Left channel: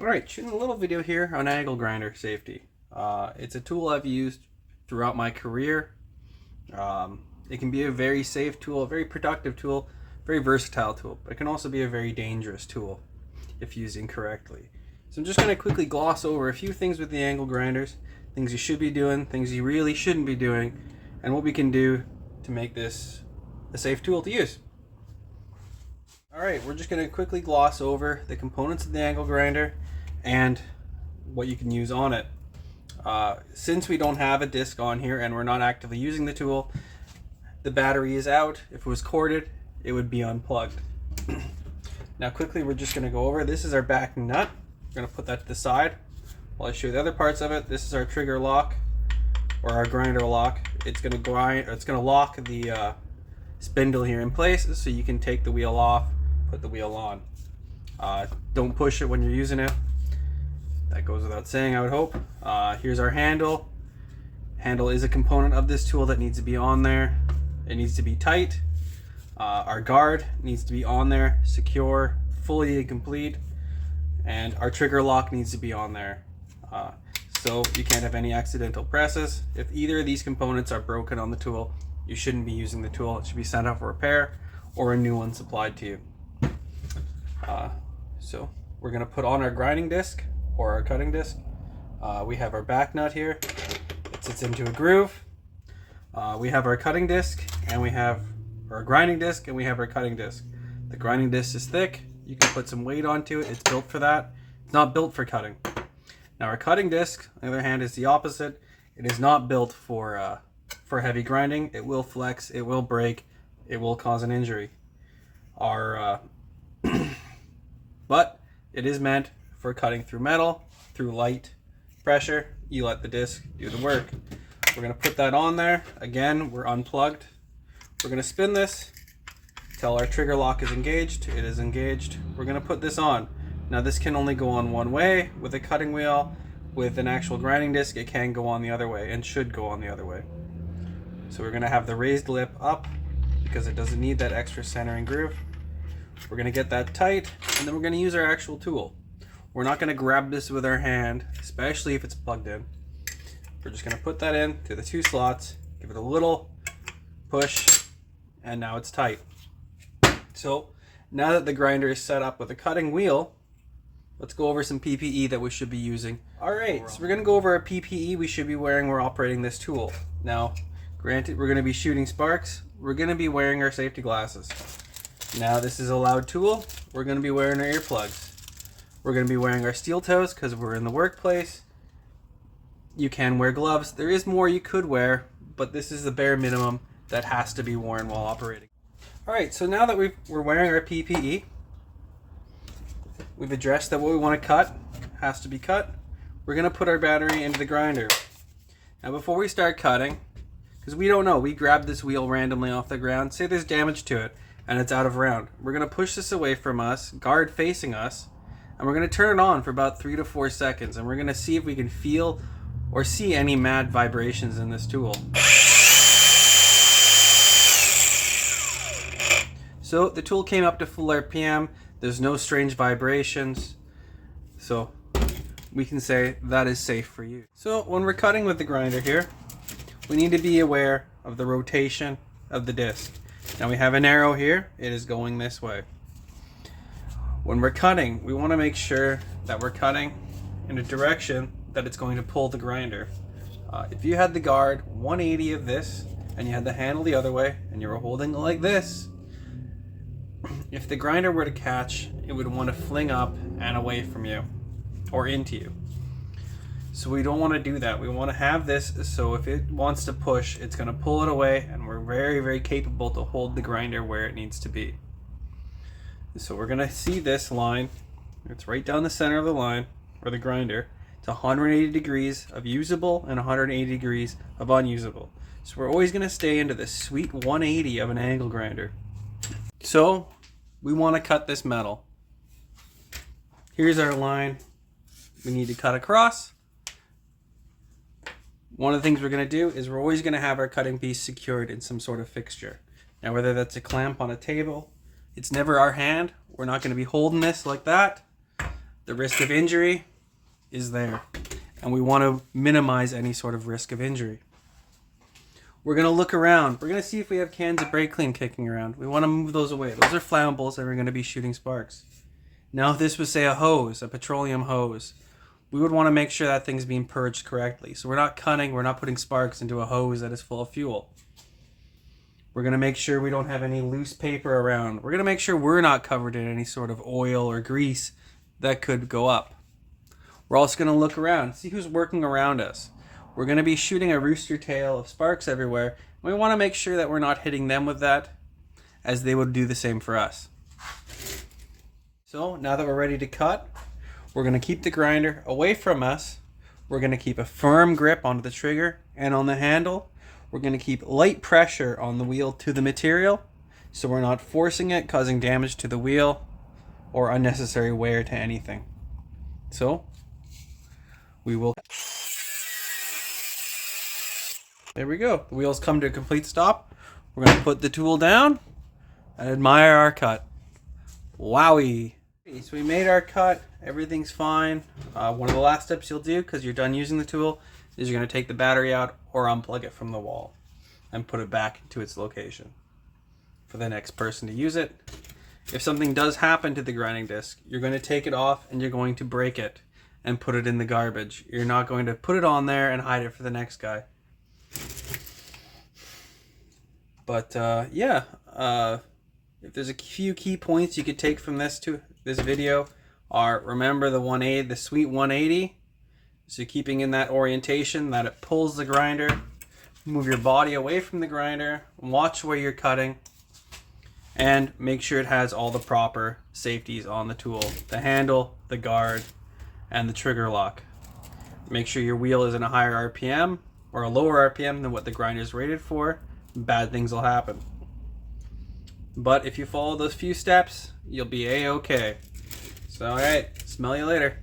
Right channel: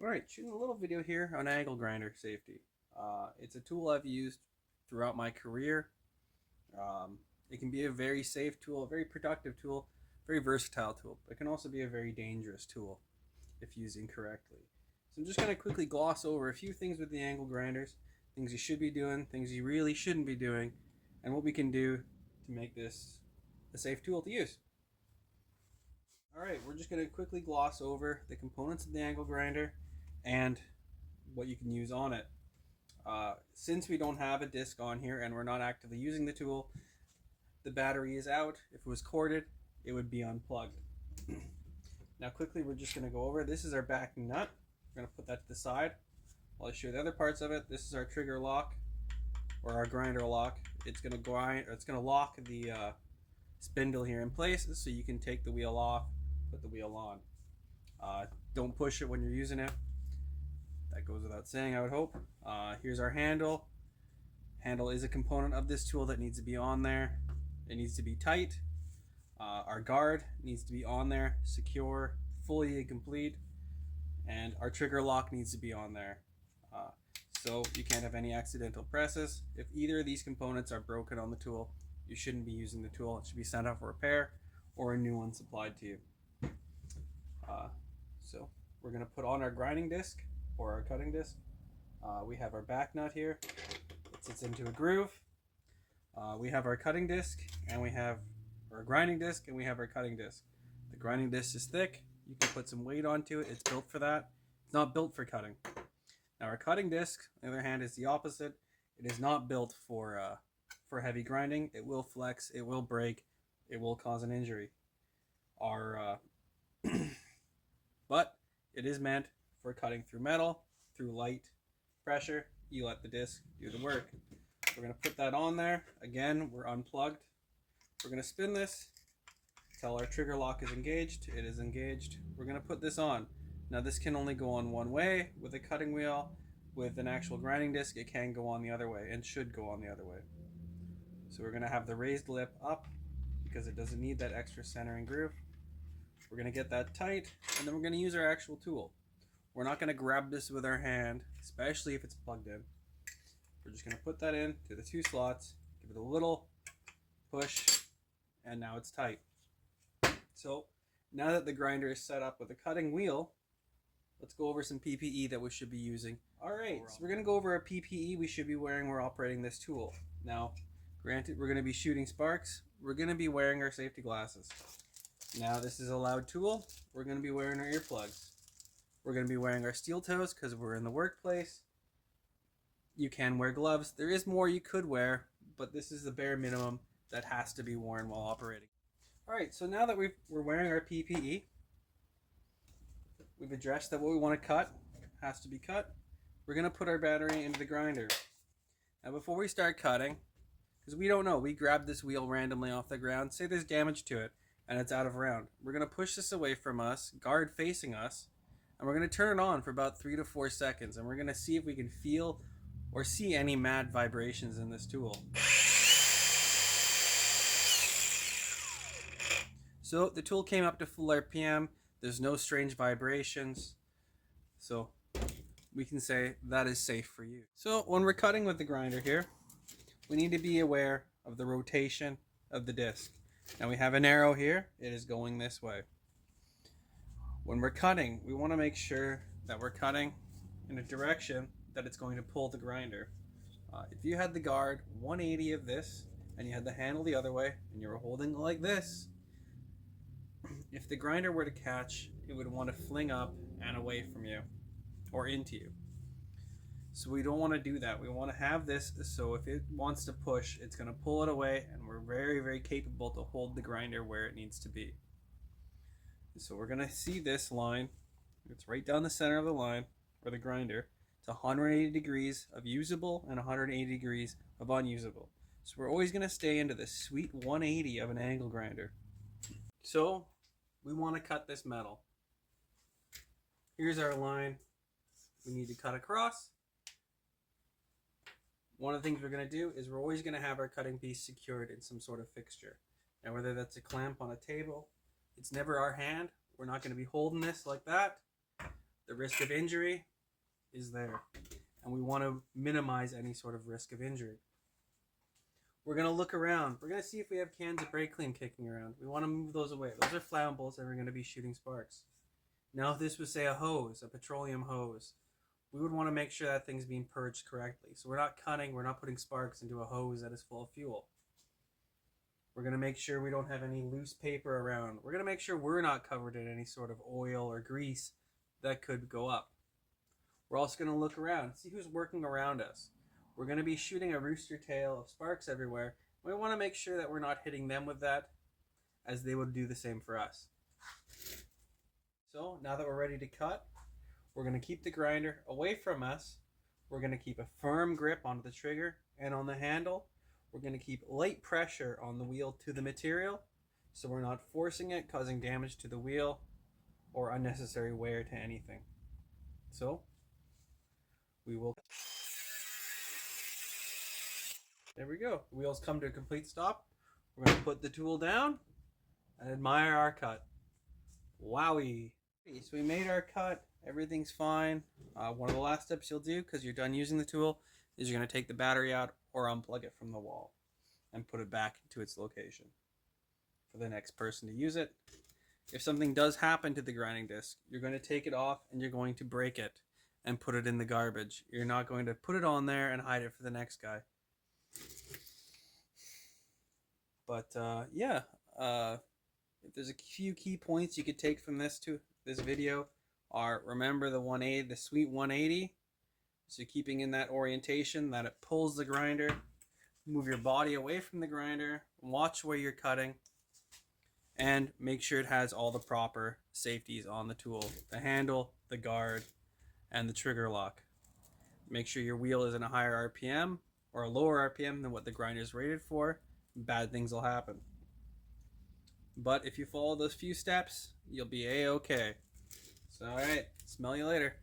Alright, shooting a little video here on angle grinder safety. It's a tool I've used throughout my career. It can be a very safe tool, a very productive tool, very versatile tool, but it can also be a very dangerous tool if used incorrectly. So I'm just going to quickly gloss over a few things with the angle grinders, things you should be doing, things you really shouldn't be doing, and what we can do to make this a safe tool to use. Alright, we're just going to quickly gloss over the components of the angle grinder and what you can use on it. Since we don't have a disc on here and we're not actively using the tool, the battery is out. If it was corded, it would be unplugged. Now quickly, we're just going to go over, this is our back nut. We're going to put that to the side while I show you the other parts of it. This is our trigger lock, or our grinder lock. It's going to grind, or it's going to lock the spindle here in place so you can take the wheel off, put the wheel on. Don't push it when you're using it. That goes without saying, I would hope. Here's our handle. Handle is a component of this tool that needs to be on there. It needs to be tight. Our guard needs to be on there, secure, fully and complete. And our trigger lock needs to be on there. So you can't have any accidental presses. If either of these components are broken on the tool, you shouldn't be using the tool. It should be sent out for repair or a new one supplied to you. So we're going to put on our grinding disc or our cutting disc. We have our back nut here. It sits into a groove. We have our cutting disc, and we have our grinding disc, and we have our cutting disc. The grinding disc is thick. You can put some weight onto it. It's built for that. It's not built for cutting. Now our cutting disc, on the other hand, is the opposite. It is not built for heavy grinding. It will flex. It will break. It will cause an injury. But it is meant for cutting through metal, through light pressure. You let the disc do the work. We're going to put that on there. Again, we're unplugged. We're going to spin this till our trigger lock is engaged. It is engaged. We're going to put this on. Now this can only go on one way with a cutting wheel. With an actual grinding disc, it can go on the other way and should go on the other way. So we're going to have the raised lip up because it doesn't need that extra centering groove. We're going to get that tight, and then we're going to use our actual tool. We're not going to grab this with our hand, especially if it's plugged in. We're just going to put that in to the two slots, give it a little push, and now it's tight. So now that the grinder is set up with a cutting wheel, let's go over some PPE that we should be using. Alright, so we're going to go over our PPE we should be wearing when we're operating this tool. Now, granted, we're going to be shooting sparks. We're going to be wearing our safety glasses. Now this is a loud tool. We're going to be wearing our earplugs. We're going to be wearing our steel toes because we're in the workplace. You can wear gloves. There is more you could wear, but this is the bare minimum that has to be worn while operating. Alright, so now that we're wearing our PPE, we've addressed that what we want to cut has to be cut. We're going to put our battery into the grinder. Now before we start cutting, because we don't know, we grabbed this wheel randomly off the ground, say there's damage to it, and it's out of round. We're going to push this away from us, guard facing us, and we're going to turn it on for about 3 to 4 seconds, and we're going to see if we can feel or see any mad vibrations in this tool. So the tool came up to full RPM. There's no strange vibrations, so we can say that is safe for you. So when we're cutting with the grinder here, we need to be aware of the rotation of the disc. Now we have an arrow here, it is going this way. When we're cutting, we want to make sure that we're cutting in a direction that it's going to pull the grinder. If you had the guard 180 of this, and you had the handle the other way, and you were holding it like this, if the grinder were to catch, it would want to fling up and away from you, or into you. So we don't want to do that. We want to have this so if it wants to push, it's going to pull it away, and we're very, very capable to hold the grinder where it needs to be. So we're going to see this line. It's right down the center of the line, or the grinder. It's 180 degrees of usable and 180 degrees of unusable. So we're always going to stay into this sweet 180 of an angle grinder. So we want to cut this metal. Here's our line. We need to cut across. One of the things we're going to do is we're always going to have our cutting piece secured in some sort of fixture. Now whether that's a clamp on a table, it's never our hand. We're not going to be holding this like that. the risk of injury is there. And we want to minimize any sort of risk of injury. We're going to look around. We're going to see if we have cans of brake clean kicking around. We want to move those away. Those are flammables that are going to be shooting sparks. Now, if this was, say, a hose, a petroleum hose, we would want to make sure that thing's being purged correctly. So we're not putting sparks into a hose that is full of fuel. We're going to make sure we don't have any loose paper around. We're going to make sure we're not covered in any sort of oil or grease that could go up. We're also going to look around, see who's working around us. We're going to be shooting a rooster tail of sparks everywhere. We want to make sure that we're not hitting them with that, as they would do the same for us. So now that we're ready to cut, we're going to keep the grinder away from us. We're going to keep a firm grip onto the trigger and on the handle. We're going to keep light pressure on the wheel to the material, so we're not forcing it, causing damage to the wheel or unnecessary wear to anything. So we will... There we go. The wheels come to a complete stop. We're going to put the tool down and admire our cut. Wowie. So we made our cut. Everything's fine. One of the last steps you'll do, because you're done using the tool, is you're going to take the battery out or unplug it from the wall and put it back into its location for the next person to use it. If something does happen to the grinding disc, you're going to take it off and you're going to break it and put it in the garbage. You're not going to put it on there and hide it for the next guy. But if there's a few key points you could take from this video are, remember the sweet 180. So keeping in that orientation that it pulls the grinder. Move your body away from the grinder. Watch where you're cutting. And make sure it has all the proper safeties on the tool. The handle, the guard, and the trigger lock. Make sure your wheel is in a higher RPM or a lower RPM than what the grinder is rated for. Bad things will happen. But if you follow those few steps, you'll be A-okay. So, alright, smell you later.